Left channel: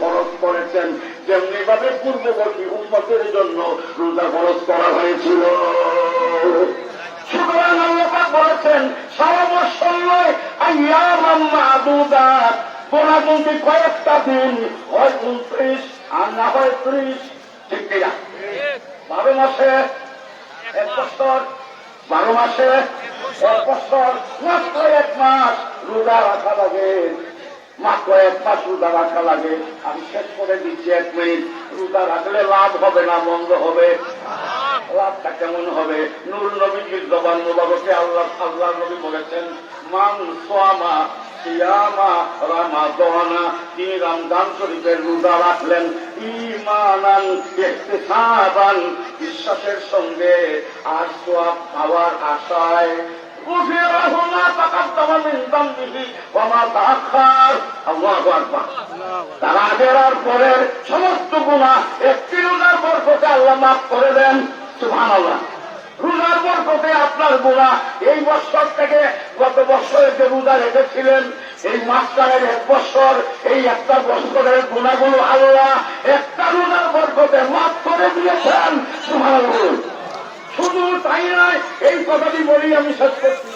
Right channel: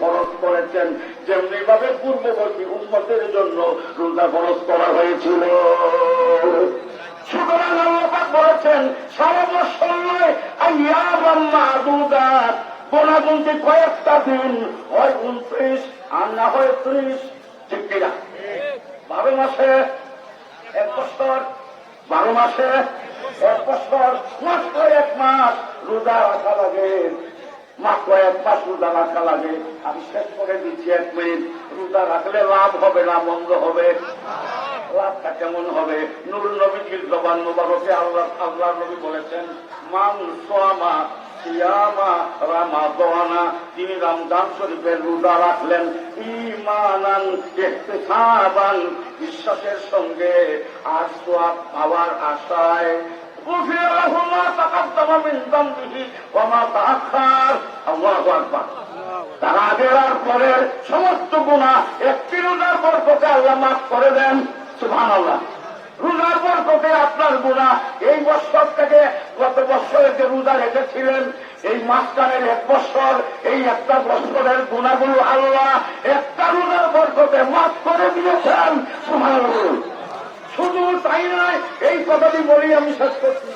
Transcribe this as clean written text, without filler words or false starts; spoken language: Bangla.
ফরজ করেছেন, যেমনি ভাবে পূর্ববর্তী উম্মতের জন্য রোজা ফরজ করা হয়েছিল। সুতরাং আল্লাহ পাক বলেছেন সারা বছর নয়, আইয়ামান মাদুদাত, গোনাগুনতি কয়েকটা দিন, হয় 29 আর না হয় 30, ঠিক কিনা? 12 মাসে 1 বছর, 12 মাসে 1 বছর, মাত্র 1 মাস রোজা রাখা লাগে, মাত্র 1 মাস রোজা রাখা লাগে। আমি শেষ করে দিচ্ছি 1 মিনিট। রোজা রাখলে লাভ হবে না মন্দ হবে? লাভটা কেমন হবে? নূর নবীর জবান মোবারকে আল্লাহ নবী বলেছেন, মান সামা সিয়ামা রামাদানা, তিনি রমজান শরীফের রোজা রাখলেন ঈমানান ইহতিসাবান, বিশ্বাসের সঙ্গে আর সওয়াব পাওয়ার আশায়, তার আগের আর পরের সমস্ত গুনাহ একটি রোজার বরকতে আল্লাহ মাফ করে দেন। সুবহানাল্লাহ। রোজার বরকতে আপনার গুনাহ এই বছর থেকে গত বছরে যে রোজা রেখেছিলেন, এই মাসটারের 1 বছর, এই একটা বছরের গুনাহগুলো আল্লাহ একটা রোজার বরকতে মাফ করে দিয়েছেন। সুবহানাল্লাহ। শুধু তাই নয়, এই কথাটি বলি আমি শেষ করছি।